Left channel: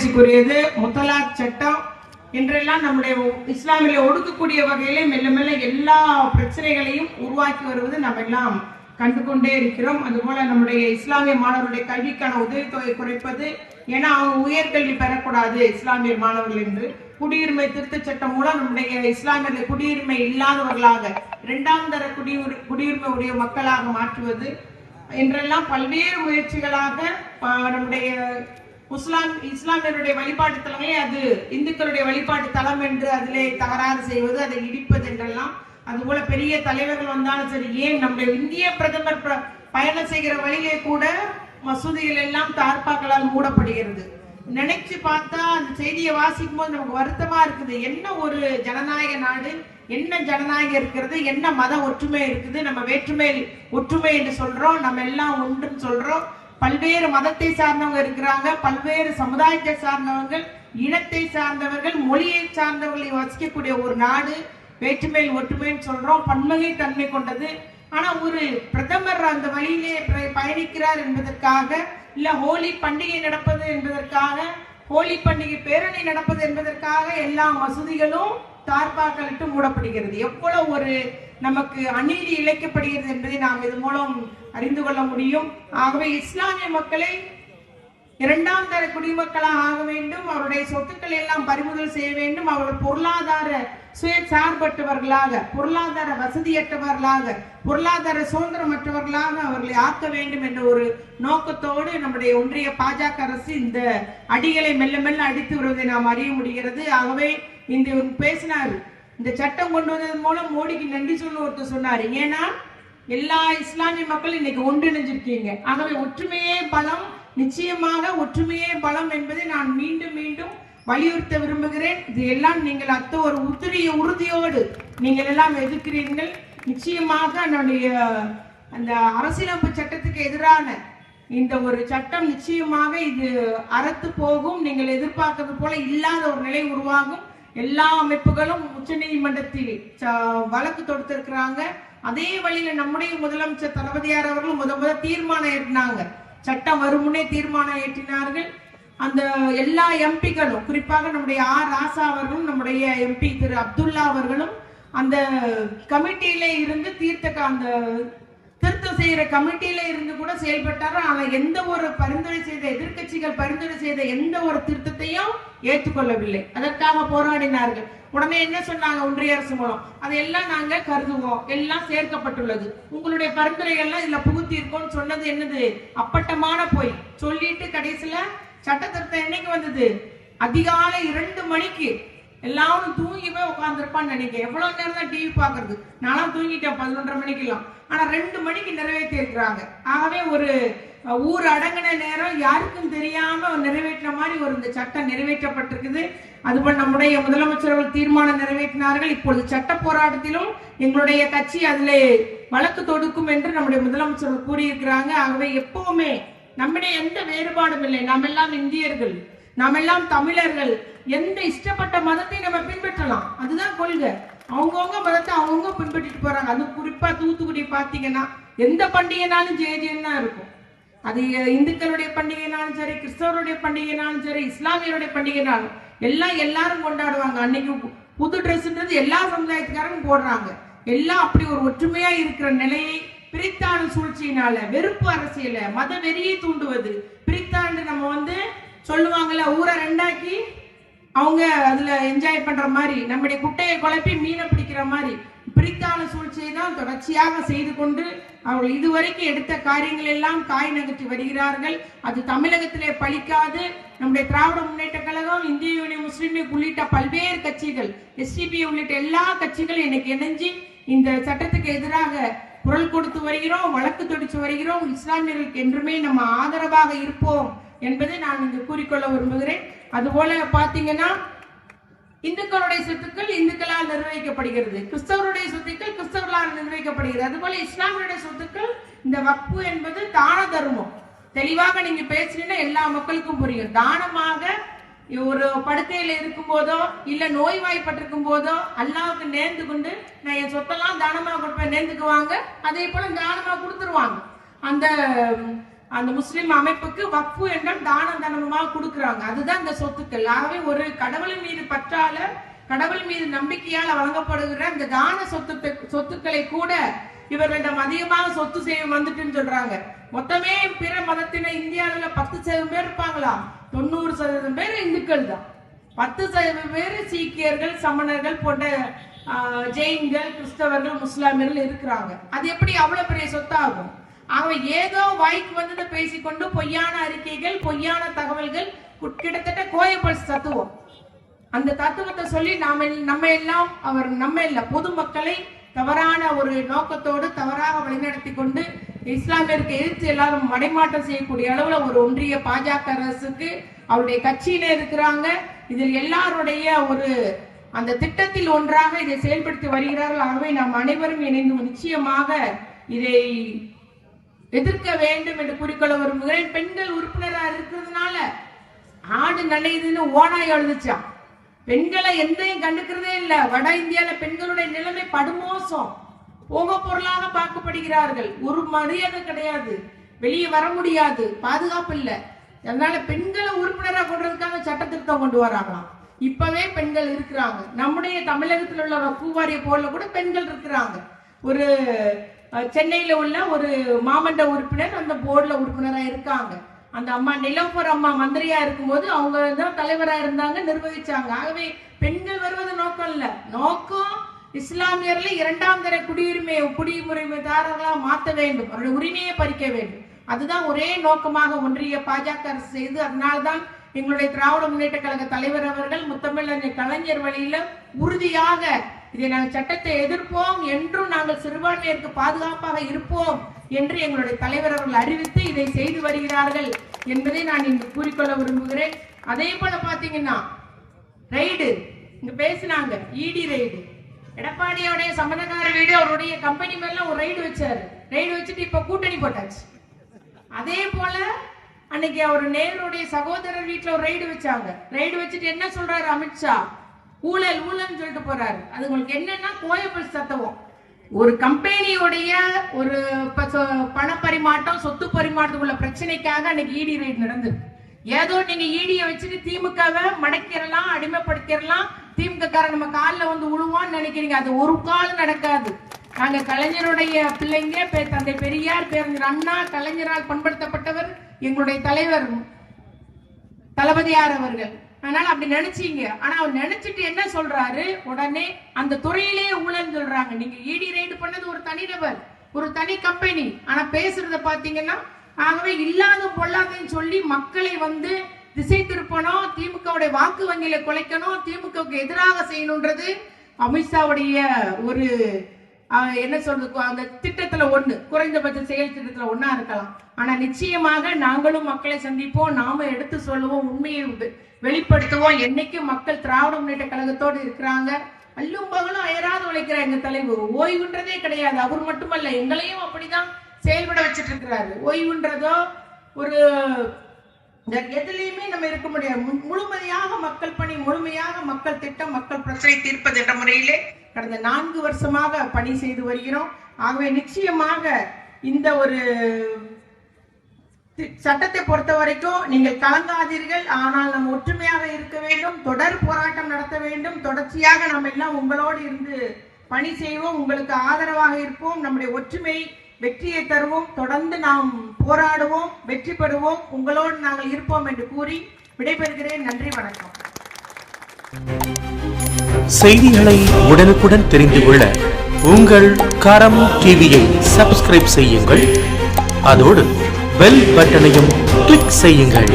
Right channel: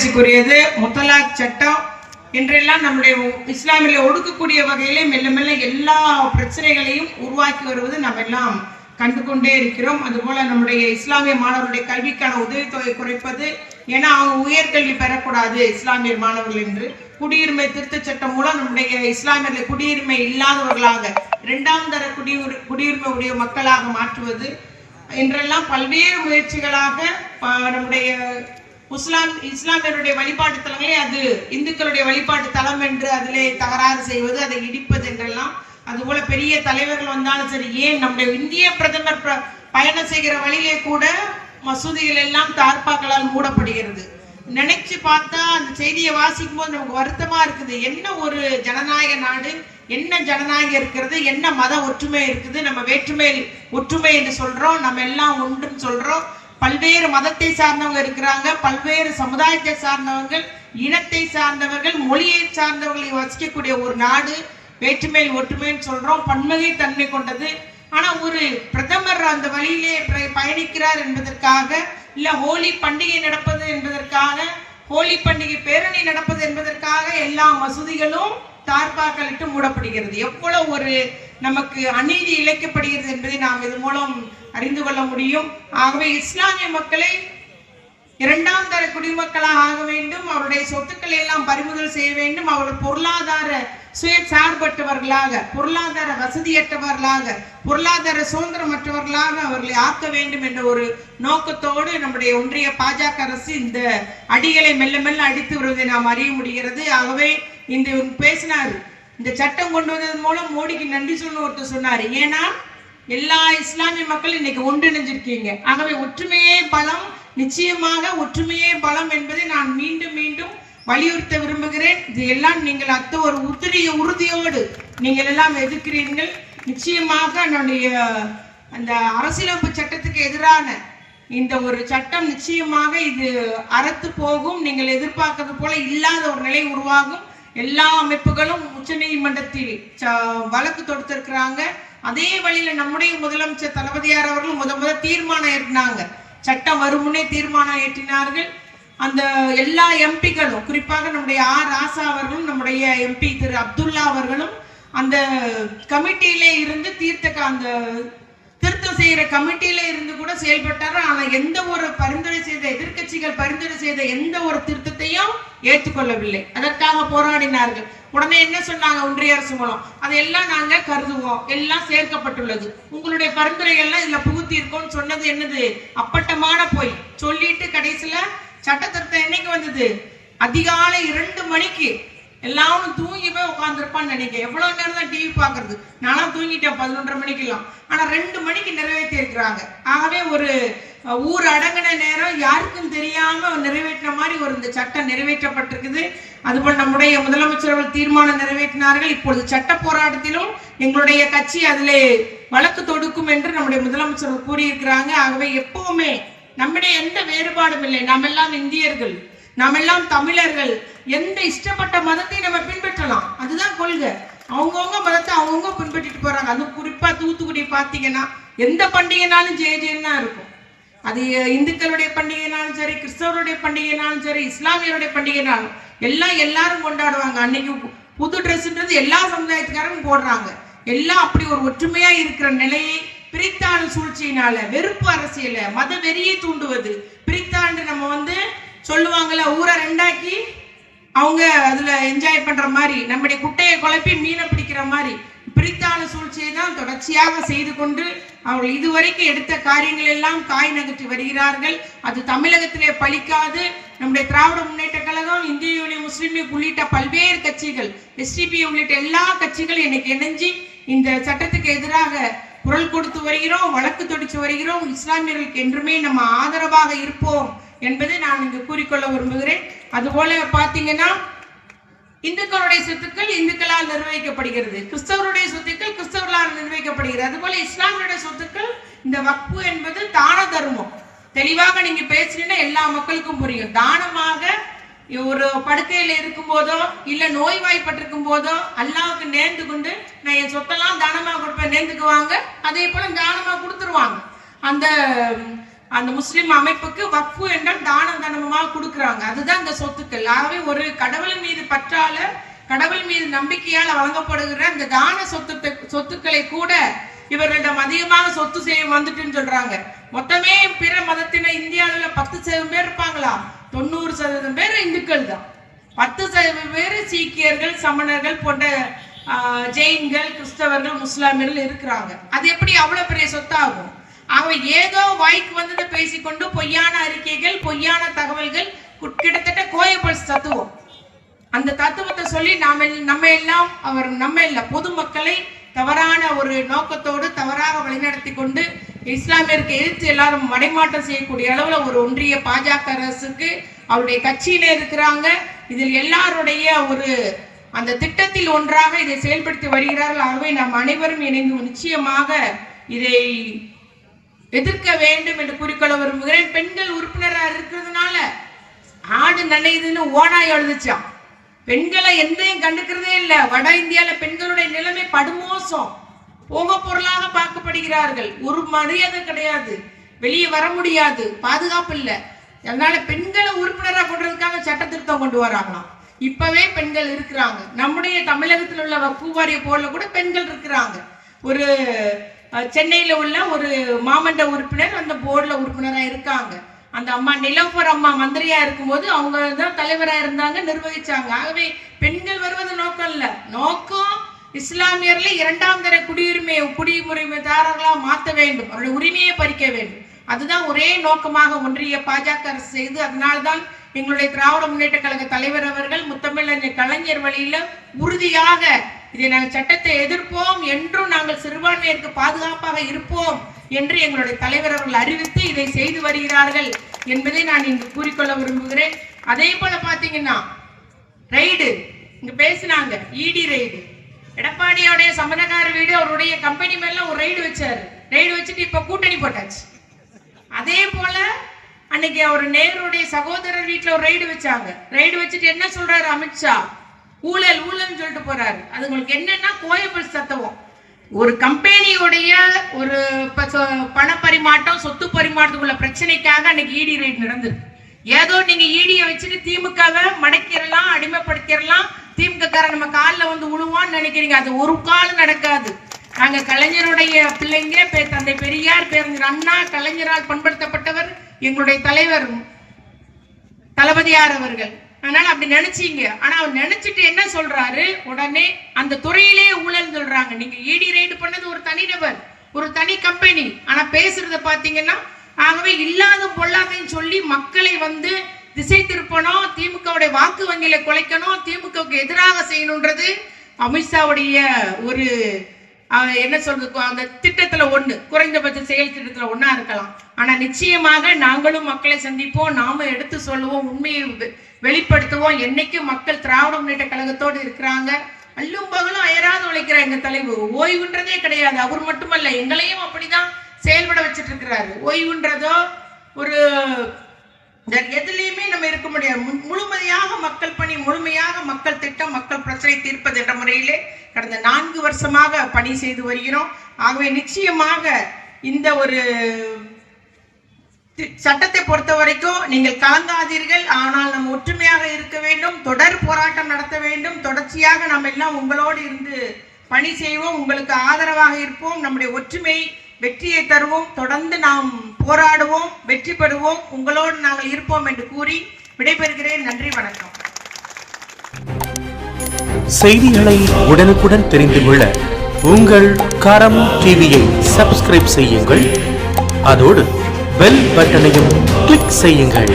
மகிழ்ச்சிக்குரியது. முத்தலாக் சட்டம் என்றெல்லாம் நம்முடைய இஸ்லாமிலே ஒடுக்கக்கூடிய வகையிலே மெல்ல மெல்ல எல்லா பிரச்சனைகளையும் உருவாக்கி வருவது நம்ம எல்லாம் கண்டுகொண்டே இருக்கிறோம். அதுபோல நம்முடைய இஸ்லாமிய மாணவர்களுடைய கல்விக்கான உதவித்தொகை குறைப்பது, ஏன்னா அவங்க உயர்கல்வி பெறக்கூடாது இஸ்லாமியர் மாணவர்கள் என்று குடியுரிமை திருத்த சட்டம் மூலம் நம்முடைய இஸ்லாமியர்களை குடியுரிமை இல்லாதவர்களாக இரண்டாம் தர குடியுரிமை உடைய மக்களாக மாற்றுவது என்றெல்லாம் பல்வேறு முயற்சிகளாக நம்முடைய இஸ்லாமியருடைய வழிபாட்டு தலங்களே அது இந்துக்களுடைய வழிபாட்டு தலம் என்று அதிலே தகராறு செய்வது, அதை இடிப்பது என்றெல்லாம், அதுபோல பெரிய தலைவர்கள் வந்தாலும் சரி, ஏன் நம்முடைய இந்திய பிரதமர் பயணம் செய்கிற வழியிலே கூட மசூதிகள் எல்லாம் தார்பாக்களால் மூடப்படுகிறது. நினைச்சு பார்த்தா அந்த செய்தியை வாசிக்கும் போது நமக்கு வருத்தமா இருக்குது. என்ன ஒரு ஜனநாயக நாடு, என்ன ஜனநாயகம் இருக்கிறது, என்ன மத ஒற்றுமை இருக்குது. நம்ம வேற்றுமை ஒற்றுமை என்று சொல்றோம், நம்ம எல்லாம் ஒன்றுன்னு சொல்றோம். பல்வேறு மதத்தை சார்ந்தவங்க இருக்கிறாங்க, பல்வேறு சமுதாயத்தை சார்ந்தவர்கள், இனத்தை சார்ந்தவர்கள், மொழியை சார்ந்தவர்களை வசிக்கக்கூடிய ஒரு நாடு. வேற்றுமையில் ஒற்றுமைன்னு சொல்றோம், பன்மகை தன்மை கொண்டது. ஆனா ஒரு பிரதமர் அந்த வழியிலே பயணிக்கிறார் என்பதற்காக, இல்ல ஹோலி பண்டிகை நடப்பது என்பதற்காக, ஹோலி பண்டிகை பேரணி நடப்பது என்பதற்காக எல்லா மசூதிகளும் தார்பாக்களிட்டு மூடப்படுகிறது. எவ்வளவு ஒரு நமக்கு அநீதி இழைக்கப்படுகிறது என்பதை நாம் இது மூலம் அறிந்து கொள்ள முடியும். ஆகவே இஸ்லாமிய மக்களை இரண்டாம் தர குடிமக்களாக ஆக வேண்டும், அவருடைய சொத்துக்களை எல்லாம் பறிமுதல் செய்ய வேண்டும், அவர்கள் பொருளாதார சுய சார்பற்றவர்களாக, பொருளாதார வசதியற்றவர்களாக, பொருளாதார சுதந்திரமற்றவர்களாக அவர்களை ஆக்க வேண்டும் என்ற ஒரு நோக்கத்தோடு நம்முடைய ஒன்றிய பாஜக அரசு இந்த அடிகளை மெல்ல மெல்ல அடித்து வருவதை நாம் அறிய முடிகிறது. ஆகவே இந்த பேசினார், இந்த சட்டம் கொண்டு வந்ததன் மூலம் மோடிக்கு நன்றி சொல்ல ஒருத்தர் சொன்னார். ஏன்னா எல்லா இஸ்லாமிய மக்கள் இன்னைக்கு ஒன்றிணைஞ்சிருக்கீங்க. ஆகவே ஒற்றுமையே பலம், நிச்சயமாக ஒற்றுமையே பலம் என்பதை நான் மீண்டும் மீண்டும் வலியுறுத்த விரும்புகிறேன். இது எல்லாம் நீங்கள் ஒரு உறுதியோடு நீங்கள் எல்லாம் எதிர்க்கிறீர்கள். நிச்சயமாக நம்முடைய அந்த அரசியலமைப்பு சட்டத்துக்கு எதிரான இந்த ஒரு சட்டம் நிச்சயமாக இது அறத்து போகும். நீங்கள் எதிர்பார்க்கறது போல இல்லாத ஒரு நிலை உருவாகும். எல்லா அமைப்புகளும் உச்ச நீதிமன்றத்தில் வழக்கு தொடுத்திருக்கிறாங்க. அதே வழியில நம்முடைய முதலமைச்சர் தளபதியார் அவர்கள் முதல் தீர்மானம் ஏற்றினாங்க. சட்டம் வருமுன்னே தீர்மானம் ஏற்றினார்கள். அந்த எல்லா எம்பிக்களும், குறிப்பாக நம்முடைய ராசா அவர்களும், நம்முடைய எம்பி திரு அப்துல்லா அவர்களும் அந்த கமிட்டியிலே இருந்து அந்த திருத்தம் செய்யற கமிட்டியில இருந்து கூட செயல்பட்டாரு. ஆனா எந்த ஒரு பரிந்துரை செய்த எதிர்கட்சிகள் பரிந்துரை செய்த எந்த ஒரு திருத்தத்தையும் ஏற்றுக்கொள்ளவில்லை. அதற்காக போராடினார்கள். உடனே என்ன சொன்னாங்க ஒன்றிய அரசு மூலம், அதையெல்லாம் நாங்க கருதுவோம், எல்லாம் சேர்க்கப்பட்டுள்ளது, உங்களுடைய பரிந்துரைகள்லாம் இதுல புகுத்தி இருக்கோம்னு சொன்னது என்னது அப்பட்டமான போய் சொல்லிட்டு கடைசியில சட்ட திருத்தம் என்னைக்கு வந்தது? அதிகாலை 2 மணிக்கு. எல்லாரும் தூங்கி போய் உட்காந்துருப்பான்னு நினைக்கிறேன். எவ்வளவு நேரம் தான் டிவி பாக்குறது? நானும் தூங்கிட்டேன் 11:30 மணிக்கெல்லாம். ஆனா 2 மணிக்கு நிறைவேற்றி இருக்கிறாங்க. ஆகவே ஒரு ஊர் அடங்கின நேரம் யாருக்கும் தெரியாம நிறைவேற்றின மாதிரி ஒரு இந்த சட்டம் நிறைவேற்றப்பட்டிருக்குது. அதுபோல் நம்முடைய முதலமைச்சர்கள் தீர்மானம் நிறைவேற்றினார்கள். இப்பொழுது சட்ட போராட்டத்திலும் எங்களுடைய கட்சி அதிலே வழக்கு தொடுக்கும் என்று நம்முடைய முதலமைச்சர்கள் கூறியிருக்கிறாங்க. ஆகவே எப்பவுமே நம்முடைய எந்த வேறுபாடும் இல்லை. நாம் எல்லாம் இந்தியர்கள், நாம் எல்லாம் தமிழர்கள். எந்த இஷ்டப்பட்ட மதத்தை நம்ம பின்பற்றலாம், அதுதான் கொள்கை. அவங்கவுங்க மதத்தை அவங்கவுங்க பின்பற்றிட்டு போறாங்க. அது குறிப்பா தூத்துக்குடி பாத்தீங்கன்னா எந்த பண்டிகைனாலும் ஜெயன்னு தான் இருக்கும். அது இந்துக்களுடைய பண்டிகைனாலும் சரி, கிறிஸ்தவருடைய பண்டிகைனாலும் சரி, இஸ்லாமியருடைய பண்டிகைனாலும் எல்லாரும் கொண்டாடுவாங்க. அன்னைக்கு புது ட்ரெஸ்ன்றது எல்லா சமுதாயத்துக்காரரும் போடுறாங்க. எல்லாம் அப்படி ஒரு ஒற்றுமையா இருக்கிற நிலையை பிரித்தாண்டு சூழ்ச்சியினால, வெறுப்பு அரசியல, மத வெறியை தூண்டுவது, பிரித்தாண்டு நம்ம சொல்லுவாங்கல்ல, ஊரை ரெண்டாக்கி அவங்க அதுல என்ஜாய் பண்ற மாதிரி, நம்முடைய குட்டையை குழப்பி மீனை பிடிக்கிற மாதிரி பிரித்தான சூழ்ச்சியை தான் தொடர்ச்சியாக செய்து கொண்டு அவர்கள் இதுவரைக்கும் எடுத்த காரியங்கள் எல்லாம் காய் நகர்த்தி வருகிறார்கள். அது தமிழகத்திலே பலிக்காது. நம்முடைய திராவிட முன்னேற்ற கழகம், இந்திய யூனியன் முஸ்லீம் லீக் உள்ளிட்ட பல்வேறு கட்சிகள், எஸ்டிபி உள்ளிட்ட எல்லா கட்சிகளும் இன்னைக்கு இணைஞ்சு இந்த சட்டத்துக்கு எதிராக குரல் கொடுத்து வருகிறோம், வழக்கு தொடுத்து வருகிறோம். இஸ்லாமியர்களுக்கு என்றுமே நம்ம ஆதரவாக இருப்போம் என்பதை நான் இங்கு கூறிக்கொள்ள விரும்புகிறேன். அதுபோல பாத்தீங்கன்னா இந்துக்களுடைய சொத்துக்கள் இந்துக்களால் நிர்வகிக்கப்படுகிறது, கிறிஸ்தவருடைய சொத்துக்கள் கிறிஸ்தவர்களால் நிர்வகிக்கப்படுகிறது. அதுபோல இஸ்லாமியுடைய சொத்துக்கள் இந்த வக்ஃபு என்பது தான தர்மம். தெளிவாக நீங்க பேசுறீங்கன்னா எல்லா மக்களுக்கும் புரியும். தானமாக ஒரு படுக்கையில இருக்கும் போதோ இல்ல நோய்வாய்ப்பட்டிருக்கும் போதோ அல்லாவுக்கு நேர்ந்து கொண்டு நான் என் சொத்தெல்லாம் தானமா கொடுப்பேன் நேர்ந்துக்குவாங்க. அதே போல தானமா கொடுத்துருவாங்க. அந்த அந்த முஸ்லிம் அமைப்புக்கு வக்ஃபு என்றால் தான தர்மமாக கொடுக்குறாங்க. அதுதான் இந்த சொத்துக்கள். ஆகவே ஒரு கடவுள் மீது பற்றால, கடவுள் மீது நம்பிக்கையால் வழங்கப்படுகிற இந்த தான சொத்துக்களை கூட இவர்களிடம் அதிகமாக சொத்து செய்ய வந்துட்டுன்னு சொல்றாங்க. மொத்தமே பிற மதத்தினர் இந்தியாவில் 10% பேர் இருப்பாங்களா? 90% பேர் இந்துக்கள் தான். 10% பேர் சீக்கியர்கள், சமணர்கள் போன்ற ஜெயின்கள், கிறிஸ்தவர்கள், முஸ்லாமியர்கள் இருக்கிறாங்க. அது எப்படி அவ்வளவு பெரிய சொத்தாகும்? அவன் ஏதோ வாய்க்கு வந்து பேசிக்கொண்டு பொய்யான அறிக்கைகள், பொய்யான தகவல்கள், கிட்டத்தட்ட கோயபல்ஸ் தத்துவம், அந்த தத்துவத்தை சொல்லி நம்ம எல்லாம் நம்ம இல்ல பொதுமக்களை தவறான ஒரு நோக்கத்தோடு தவறாக வழிநடத்தி கொண்டு இஸ்லாமியருக்கு எதிர்த்து எல்லாரும் மடைமாற்றம் செய்யக்கூடிய அளவுல ஒரு ஒன்றிய பாஜக அரசுக்கு அவருடைய கட்சியில இருக்கிறாங்க. இதில் எல்லாருடைய ஒரு அந்த திட்டத்தில் ஒன்றாக இதை செயல்படுத்தி வருகிறார்கள். ஆகவே நாம் அனைவரும் இணைந்து நிச்சயமாக இதை எதிர்க்க வேண்டும் என்று கூறிக்கொள்ள விரும்புகிறேன். பெண்கள் உறுப்பினராக இருக்கிறதுனால ஆடு நனையுதுன்னு ஓனாய் எழுதுச்சான். பெண்களை எந்தையும் கண்டுக்கிறதே இல்லை. வட இந்தியால பெண்களுடைய நிலைமை படுமோசம். போக பொருளாக பார்க்கப்படுகிறார்கள். ஒரு மரியாதை கிடையாது. வெளியே வர முடியாது. பாதுகாப்பு இல்லை. அதனால பெண்களை உறுப்பினராக கொண்டதுக்காக சட்ட திருத்தம் கொண்டு வராங்களாம். இப்பவே பெண்கள் இருக்கிறாங்க. நம்முடைய தமிழகத்தில் உள்ள வக்ஃபு வாரிய போர்டுல கூட பெண்கள் இருக்கிறாங்க. ஒரு சென்னையில உள்ள ஒரு மாமன்ற உறுப்பினர் அந்த போர்டுல உறுப்பினரா இருக்காங்க. அந்த அம்மா நிலோஃபர் அம்மா மந்திரியா இருக்கும்போது அவங்க தான் தலைவரா இருந்தாங்க, நிர்வகிச்சாங்க. ஆகவே பெண்கள் வருவது நோக்கம் இல்ல. நோக்கம் இஸ்லாமியர்ல 2ஆம் தர குடியுரிமைதாரர்களா மாற்ற வேண்டும், அவருடைய உரிமையை பறிக்க வேண்டும். அதுதான் ஒரே நோக்கமாக ஒன்றிய பாஜக அரசு செய்து, அதனால்தான் எங்களுடைய திராவிட முன்னேற்ற கழக தலைவர் அவர்கள் முத்தமிழறிஞர் கலைஞர் வழியில உறுதியாக இதை நாங்கள் சட்டத்தை எதிர்ப்போம் என்றும் நாங்கள் சிறுபான்மையிற்கு பாதுகாப்பாக இருப்போம் என்று எங்களுடைய தலைவர் அவர்கள் அறிவித்து இதை செய்து வருகிறார்கள் என்பதை நான் இங்கு கூறிக்கொள்ள விரும்புகிறேன். அதே போல பாத்தீங்கன்னா ரைடு இங்க பேசினாங்க, இடி ரைடு. எடப்பாடியோடைய சம்பந்தக்கார வீடு அவருடைய கம்பெனி மேல ஒரு ரைடு வச்சாரு. ரைடு வச்சுட்டு இப்ப கூட்டணி போட்டாச்சு. அதே போல அன்னைக்கு அவர் நேருடைய சகோதரர் வீட்டுல ஒரு ரைடு வச்சாங்க. ரைடு வச்சுட்டு என்ன சொல்றாரு அமித்ஷா? ஊழல் ஊழல் சொல்லிட்டு போறாரு. அது உங்களுக்கு என்னன்னா கோயபல்ஸ் தத்துவம். ஒரு கம்பெனியுடைய ஒரு பண பரிமாற்றம், சொத்து பரிமாற்றத்துக்குள்ள பிரச்சனைக்காக அன்னைக்கு இடி ரைடு நடந்தது. ஏதோ நீங்க ஈடியை வச்சுட்டு திமுகவை மடக்கிடலாம், அடிமைப்படுத்திடலாம், திமுக நம்ம காலில் வந்து உழுவான்னு நினைக்கிறீங்க. அது ஒரு காலம் நடக்காது. நாங்க கலைஞருடைய பிள்ளைங்க, தந்தை பெரியார், பேரறிஞர் அண்ணா, கலைஞரால் பண்படுத்தப்பட்டவர் எங்களுடைய தலைவர் தளபதியார் அவர்கள். அதனால அப்படி நினைச்சீங்க. ஆனா அவர் நினைச்சிட்டு என்ன சொல்றாரு, உடனே அந்த துறையிலே ஊழல் சொல்றாங்க. நீங்க இடி ரைடு பண்ணது ஒரு தனிநபர், ஒரு தனி கம்பெனி. ஆனா பேசுறத பாத்தீங்கன்னா ஆகவே இல்லாத பொல்லாதையும் சொல்லி மக்களை வந்து திசை திருப்பணும், திமுகவுடைய வாக்கு வங்கியில குலைக்கணும், திமுகவுக்கு எதிராக செய்யணும்ன்றது அமித்ஷாவுடைய ஒரு என்ன சொல்றது, அந்த திட்டத்துல ஒண்ணு, குறைந்தபட்ச செயல் திட்டத்துல ஒண்ணா இருக்கலாம். ஆனா நிச்சயமாக நாங்களும் மக்களை சந்திப்போம், நாம எடுத்து சொல்லுவோம், உண்மையை வெளிப்படுத்துவோம். என்னைக்கும் மக்கள் திராவிட முன்னேற்ற கழகத்தோடு இருக்கிறாங்க. அல்லும் பகலும் அயராது உழைக்கிற எங்க தலைவர் ஓய்வுன்றதே கிடையாது. அவர் மட்டுமல்ல, எங்களையும் அப்படிதான் செயல்பட வச்சுட்டு இருக்கிறாரு. ஓய்வுன்றதோ ஒரு எதுலையுமே நம்ம இருக்க முடியாது. முழுமையாக மக்கள் பணி, முழுமையாக மக்கள் திட்டம், மக்கள் பிரச்சனை தீர்ப்பது என்ற முறையிலே கடந்த 4 வருஷமாக பணி செய்து வருகிறோம். ஆகவே நிச்சயமாக இந்த ஒரு சட்டத்தை பொறுத்த வரைக்கும் நீங்கள் கலங்காதீர்கள். ஆனால் நம்ம ஒற்றுமையாக இருக்க வேண்டும், தொடர் போராட்டம் நடத்த வேண்டும். தொடர்ச்சியாக நம்ம எல்லாம் உங்களோடு இருந்து பணி செய்வோம், உங்களுக்கு ஆதரவாக இருப்போம். நம்முடைய ஒற்றுமை வெற்றியை தருவோம். தொடர்ந்து நாம் போராடுவோம், வெற்றி பெறுவோம். உங்களோடு நாங்கள் இருப்போம் என்று கூறி விடைபெறுகிறேன். நன்றி, வணக்கம். செய்திகளை உடனுக்குடன் தெரிந்து கொள்ள உங்கள் கரம் டிவியை சப்ஸ்கிரைப் செய்யுங்கள். அதோடு பெல் பட்டனையும் கிளிக் செய்யுங்கள்.